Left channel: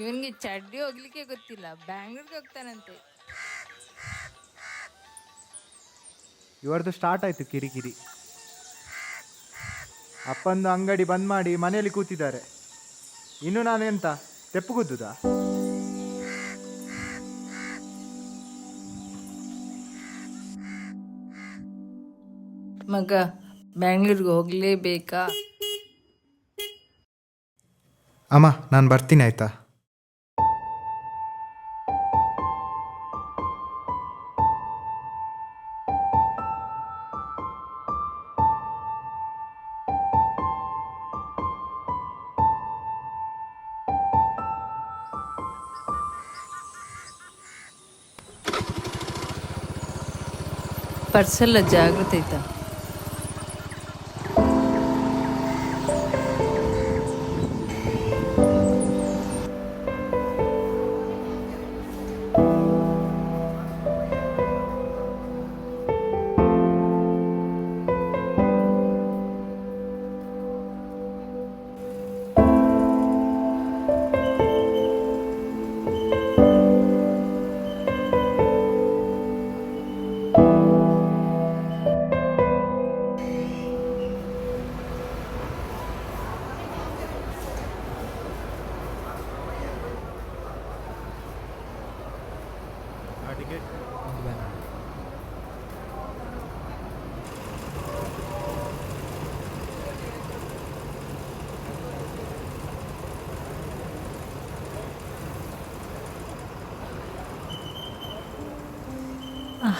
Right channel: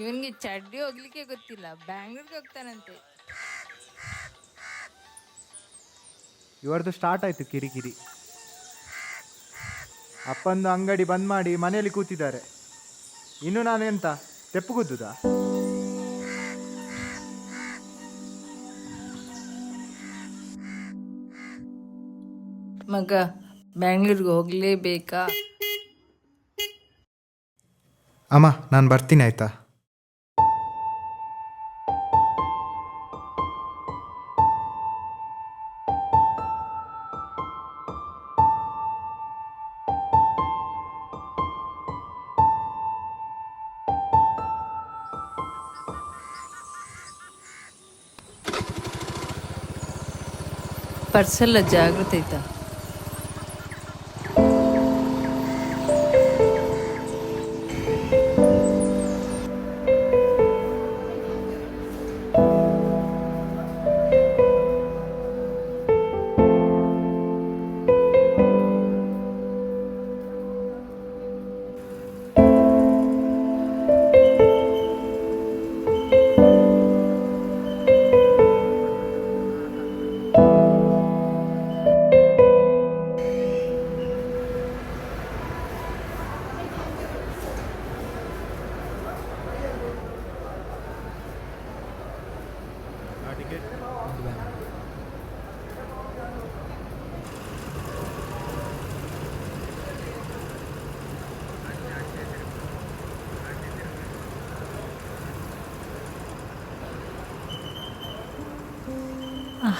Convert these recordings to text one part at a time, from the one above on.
ಇವನ್ಗೆ ಚಡ್ಡಿ ಹೋಗ್ಲಿಕ್ಕೆ ಗೊತ್ತಿಲ್ಲ, ಬ್ಯಾಂಗ್ಳೂರ್ಗೆ ಹೋಗ್ತಾನಂತೆ. ಇವರದು ಸ್ಟಾರ್ಟ್ ಆಯಿತು ಕಿರಿಕಿರಿ. ಅಪ್ಪಂದು ಅಂಗಡಿ ಬಂದ್ ಮಾಡಿ ಮನೆಯಲ್ಲಿ ಕೂತಿದ್ದಾರೆ. ಇನ್ನು ನಾನು ಎಂತ ತೆಪ್ಪುಗುದ್ದುದಾ? ಮಗ ಬ್ಯಾಂಗ್ಳೂರ್ಗೆ ಹೋಗ್ಲೇಬೇಕಾ? ಅಮ್ಮ ನಾನು ಬರ್ತೀನಿ ಆಯ್ತಾ? ಪರ್ಸೆಲ್ಲ ಜಾಗ್ರತೆ ಆಯ್ತಾ?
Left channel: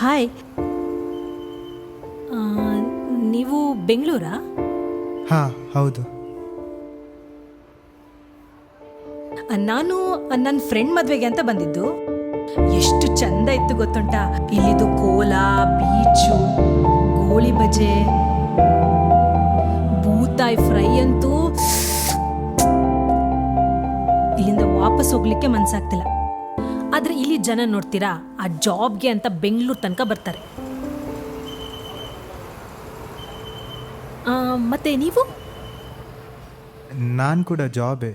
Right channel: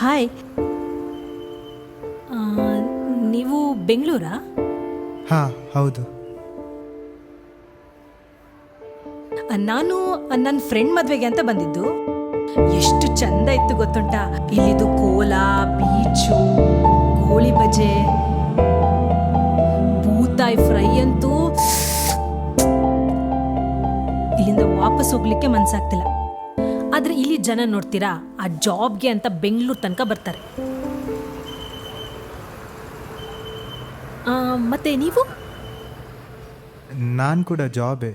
ಹಾಯ್, ನೀವು ಬೆಂಗಳೂರಾ? ಹಾಂ ಹೌದು. ನಾನು ನನ್ನ ಫ್ರೆಂಡ್ ಮದುವೆಗೆ ಅಂತ ಬಂದಿದ್ದು. ಎಷ್ಟು ಚಂದ ಇತ್ತು ಗೊತ್ತುಂಟಾ? ಇಲ್ಲಿದು ಕೋಲಾ, ಬೀಚು, ಗೋಳಿ ಬಜೆ, ಬೂತಾಯಿ ಫ್ರೈ ಅಂತೂ ಇಲ್ಲಿಂದ ವಾಪಸ್ ಹೋಗ್ಲಿಕ್ಕೆ ಮನ್ಸಾಗ್ತಿಲ್ಲ. ಆದ್ರೆ ಇಲ್ಲಿ ಜನ ನೋಡ್ತೀರಾ, ಆ ಜಾಬ್ಗೆ ಅಂತ ಬೆಂಗಳೂರು ತನಕ ಬರ್ತಾರೆ. ಮತ್ತೆ ನೀವು? ನಾನು ಕೂಡ ಜಾಬೇ.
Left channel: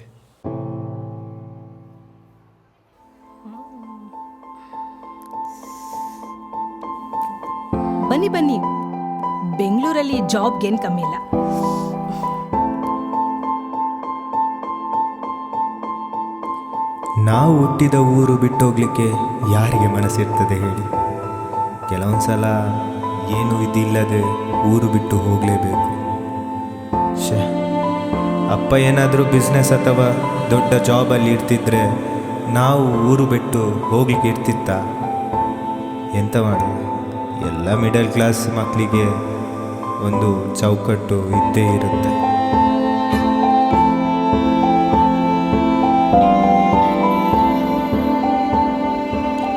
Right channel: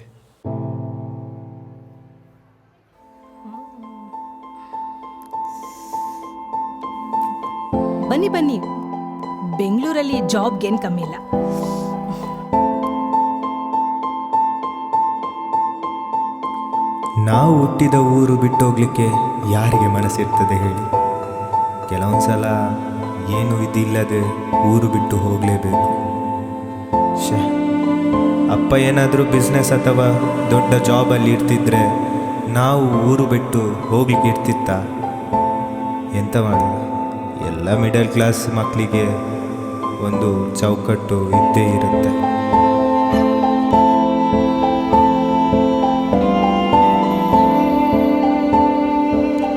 ಬನ್ನಿ ಬನ್ನಿ, ಬೆಂಗಳೂರಲ್ಲಿ ಜಾಬ್ಗೇನು ಕಮ್ಮಿ ಇಲ್ಲ. ನಾವು ಹುಟ್ಟಿದ ಊರು ಬಿಟ್ಟು ಹೋಗ್ಲಿಕ್ಕೆ ಯಾರಿಗೆ ಮನಸ್ಸಿರ್ತದೆ ಹೇಳಿ? ಕೆಲವೊಂದ್ಸಲ ಏನು ಇದಿಲ್ಲದೆ ಊರು ಬಿಟ್ಟು ಹೋಗಲೇಬೇಕು. ಅಪ್ಪ ಏನಾದರೂ ಬಿಸ್ನೆಸ್ ಅಥವಾ ದೊಡ್ಡ ಜಾಬಲ್ಲಿ ಇರ್ತಿದ್ರೆ ನಾವು ಊರು ಬಿಟ್ಟು ಹೋಗ್ಲಿಕ್ಕೆ ಇರ್ತಿತ್ತ? ಎಂತ ಮಾಡೋದು? ಎಲ್ಲ ಮಿಡಲ್ ಕ್ಲಾಸ್ ಮಕ್ಕಳಿಗೆ ಒಂದು ಚೌಕಟ್ಟು ಇದ್ದೇ ಇರುತ್ತೆ.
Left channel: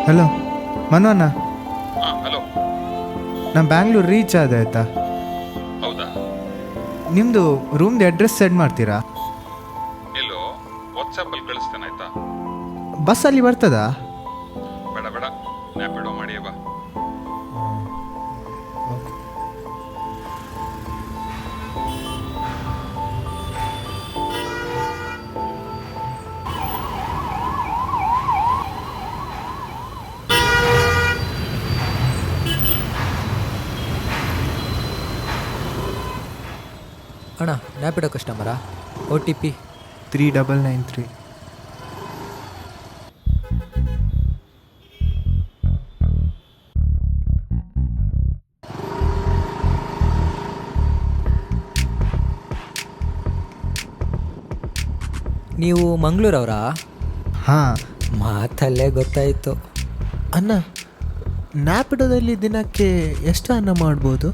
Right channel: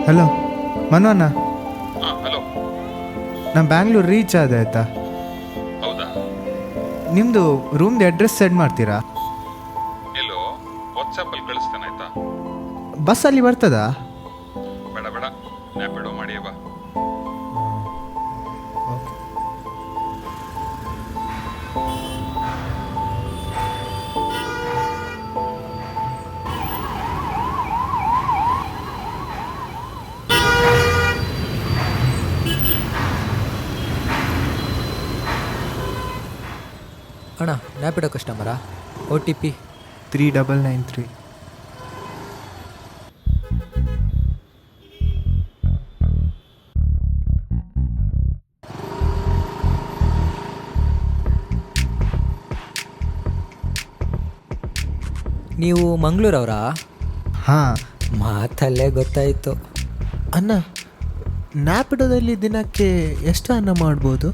ಹಲೋ ಮನೋಣ್ಣ, ಹಲೋ. ನಾನು ಬ್ಯಾಂಗ್ಳೂರು ರೀಚ್ ಆದೆ ಆಯ್ತಾ? ಹೌದಾ? ನಿಮ್ಮದು ರೂಮ್ದು ಅಡ್ರೆಸ್ ಸೆಂಡ್ ಮಾಡ್ತೀರಾ? ಎಲ್ಲೋ ವಾಟ್ಸಪ್ಪಲ್ಲಿ ಕಳಿಸ್ತೇನೆ ಆಯ್ತಾ? ಬಸ್ಸಲ್ಲಿ ಬರ್ತದಾ? ಬೇಡ ಬೇಡ, ನ್ಯಾಪಿಡೋ ಮಾಡಿಯೇ ಬಾ. ಓಕೆ. ಅಣ್ಣ, ನ್ಯಾಪಿಡೋ ಕಸ್ಟಮರಾ? OTP 3993. ನೀವು ಮಂಗಳೂರವರಾ? ಹಾಂ. ಮಾತಲ್ಲೇ ಗೊತ್ತಾಯಿತು. ಅನ್ನ, ನ್ಯಾಪಿಡೋದಲ್ಲಿ ದಿನಕ್ಕೆ ಎಷ್ಟು ಅನ್ನ ಮಾಡ್ಬೋದು?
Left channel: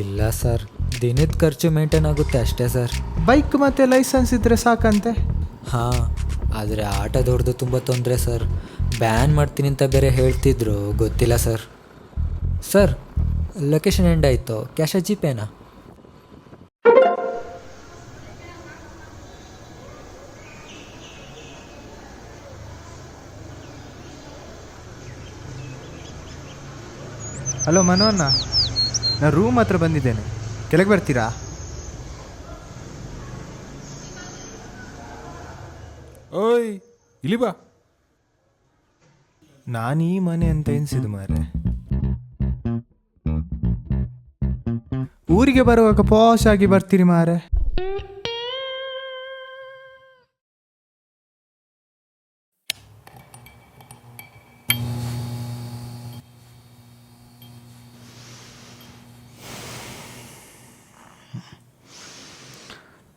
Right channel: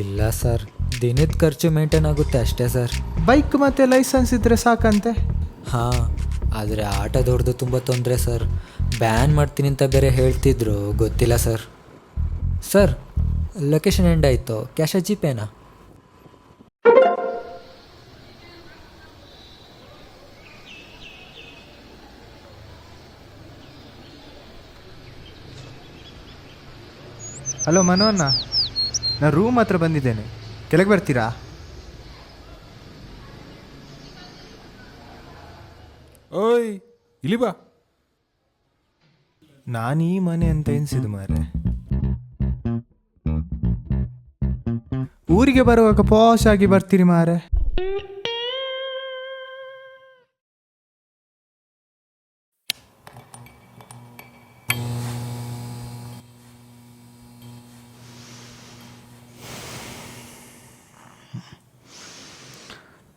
ಇಲ್ಲ ಸರ್, ದಿನದ ಖರ್ಚು ಮೇಂಟೈನ್ ಆಗುತ್ತೆ ಅಷ್ಟೇ ಸರ್. ಬೈಕ್ ಮತ್ತು ಲೈಸೆನ್ಸ್ ಇದ್ದರೆ ಸಾಕಂತೆ. ಹಾಂ, ಆದರೆ ಆಟೋದವ್ರದ್ದು ತುಂಬ ತೊಂದರೆ ಸರ್. ಬ್ಯಾನ್ ಮಾಡ್ತೀನಿ ಅಂತ ಬೇರೆ ಹೇಳ್ತಿದ್ರು, ಗೊತ್ತಿಲ್ಲ ಸರ್. ಸರ್, ಲೊಕೇಶನ್ ಎಂಡ್ ಆಯಿತು. ಕ್ಯಾಶ ಜಿಪೇನಾ? ಹಲೋ ಮನೋಣ್ಣ, ನಾನು ರೂಮ್ ಹತ್ರ ಬಂದಿದ್ದೇನೆ, ಕೆಳಗೆ ಬರ್ತೀರಾ? ಓಯ್ ಇಲ್ಲಿ ಬಾ. ನಾನು ಈ ಮನೆ ಅಂತ ಎನ್ಸಿದ್ದು ಮಾರೆ. ಊರಿಗೆ ಬರುವಾಗ ಪಾಶ್ ಆಗಿ ಬರ್ತೀರಿ ಮಾರೆ.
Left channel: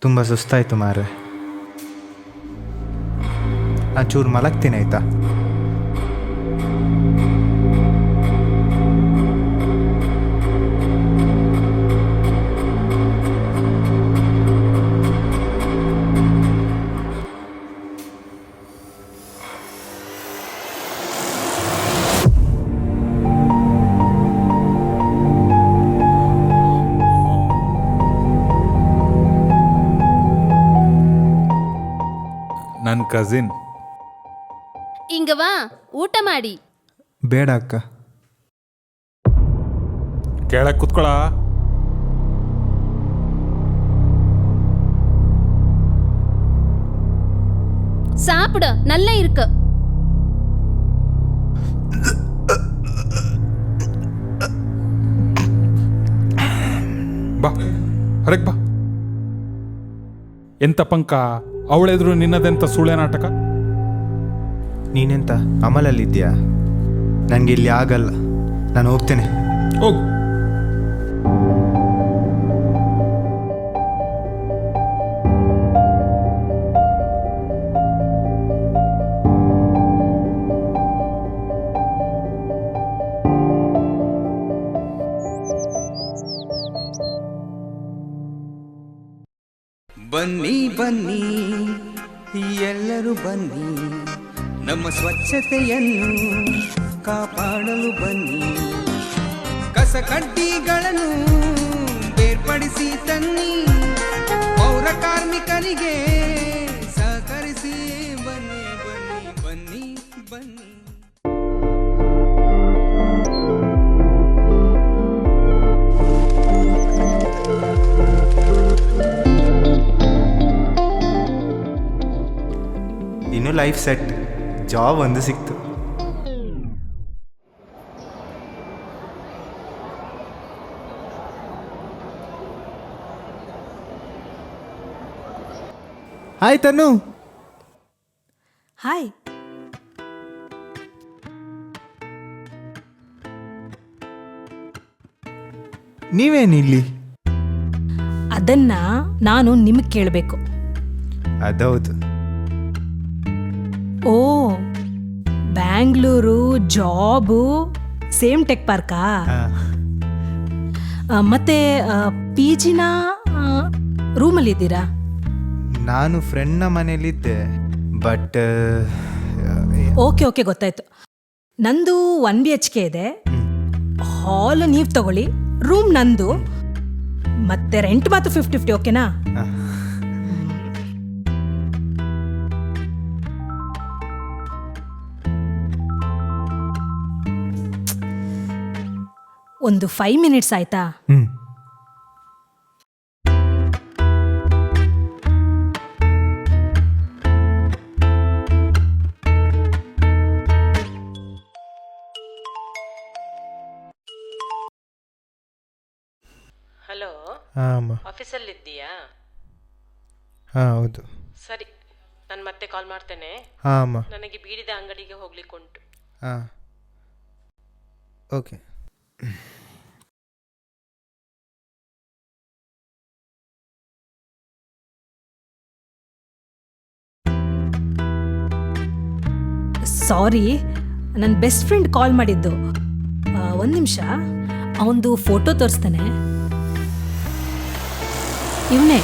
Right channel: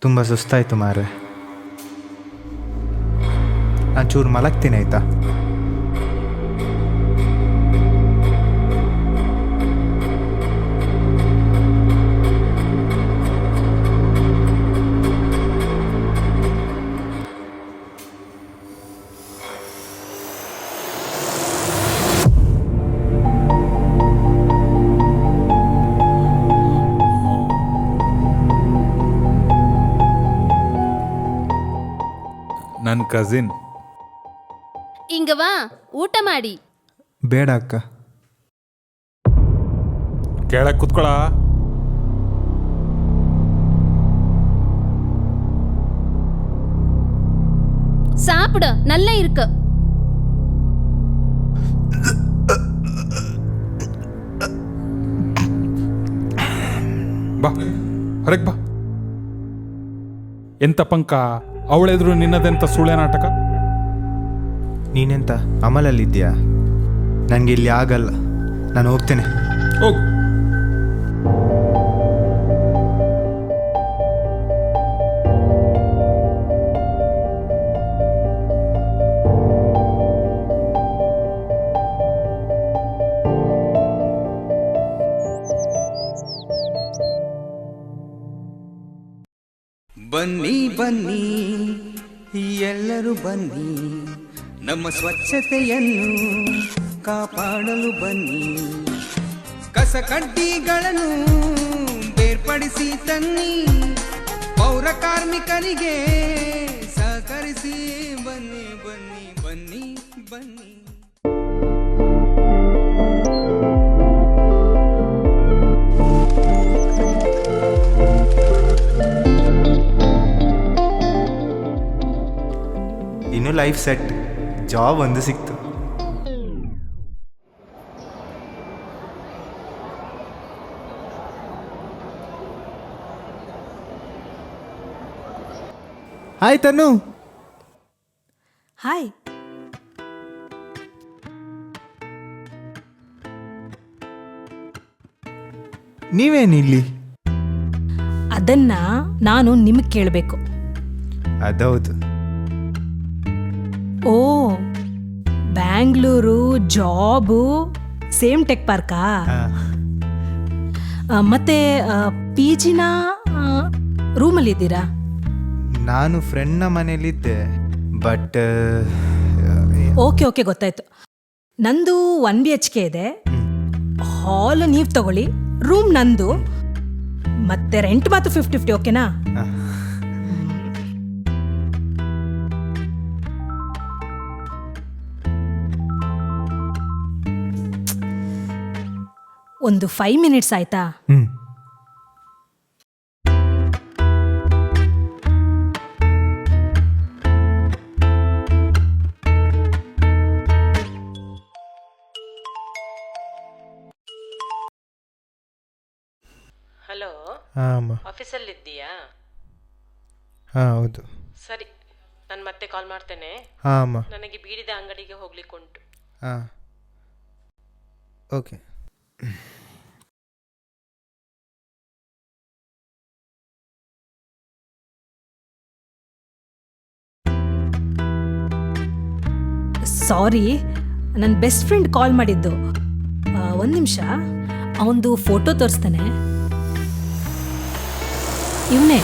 ತುಂಬ ಸುಸ್ತಾಯ್ತು ಮಾರೆ. ನಾನು ಚೂರು ಮಲಗ್ತೀನಿ ಆಯ್ತಾ? ನನ್ನ ಕಸಿನ್. ಇಂಗವಾ ಊಟ ಮಾಡಿ. ಬೇಡ ಅಕ್ಕ. ಕೆಳಗೆ ಕುತ್ಕೊಳ. சாப்பிட நல்லா இருக்கு. ಬಾ ಹೊರಗೆ ಬಾ. ಎಂತ ಪಂಕ, ಅವಳೆದ್ರು ನಿನ್ನದೆಂತ ಸುಳ್ಳೆ ನಾಟಕ. ನೀನೆಂತ ಅಮಲಲ್ಲಿದ್ಯಾ? ನನಗೆ ಇಲ್ಲಿ ಆಗಲ್ಲ, ನಾನು ಹೋಗ್ತೇನೆ. ಹೋಗು. ಬನ್ನಿ ಬನ್ನಿ ಎಲ್ಲರೂ ಬನ್ನಿ, ನಮ್ಮ ಸ್ವಚ್ಛತೆಯನ್ನು ಕಾಪಾಡಲು ಬನ್ನಿ. ಕಸ ಕಡ್ಡಿಗಳನ್ನು ಬೇರ್ಪಡಿಸಿ ತನ್ನಿ, ಪೌರ ಕಾರ್ಮಿಕರಿಗೆ ಸಹಕರಿಸಿ. ಬನ್ನಿ ಬನ್ನಿ ಬನ್ನಿ ಬನ್ನಿ. ಇನ್ನು ಲೈಫ್ ಸೆಟ್, ಜಾಬ್ ಒಂದು ಸಿಕ್ತು. ಹಾಯ್ ತನು. ಹಾಯ್. ನೀವೇನಿಲ್ಲಿ? ಅದನ್ನ ನಾನು ನಿಮಗೆ ಕೇಳಬೇಕು. ಅದೌದು. ಓ, ಬ್ಯಾಂಗ್ಳೂರು ಜಾಬು ಸೇಮ್ ಟೆಕ್ ಪಾರ್ಕಾ? ಮತ್ತೆ ಪಿ ಜಿನ ರೂಮಲ್ಲಿದ್ದೀರಾ? ನಾನು ಫ್ರೆಂಡ್ನ ಮನೇಲಿದ್ದೆ, ಬಟ್ ಓಕೆ ಓಕೆ ಗೊತ್ತಾಯ್ತು. ನಂದು 1 BHK ಇದೆ. ಹಾಲ್ ನೀವು ತಗೊಳ್ಳಿ, ರೂಮ್ ನಂದು, ಮತ್ತೆ ರೆಂಟ್ ಮಾತ್ರ 50-50. ಓಕೆನಾ? ಒಂದು 5 ಮಿನಿಟ್ಸ್ ಆಯ್ತಾ? ಹಲೋ, ಹಾಂ ಆಫೀಸಲ್ಲಿದ್ದೀಯಾ? ಹಾಂ ಹೌದು. ಸರಿ, ನಾನು ಮತ್ತೆ ಕಾಲ್ ಮಾಡ್ತೇನೆ. ಹಾಂ ಅಮ್ಮ. ನನಗೆ ಬೀಡಿದ ಅಂಗಡಿಗೆ ಹೋಗ್ಲಿಕ್ಕುಂಟು. ಹಾಂ ಓಕೆ. ಸಾರಿ, ನನ್ನ ಬೆಸ್ಟ್ ಫ್ರೆಂಡ್ ಕಾಲ್ ಮಾಡಿದ್ದು. 1 ನಿಮಿಷ, ಅವನದು ಫೋಟೋ ತೋರಿಸ್ತಾನೆ. ಇವನೇ.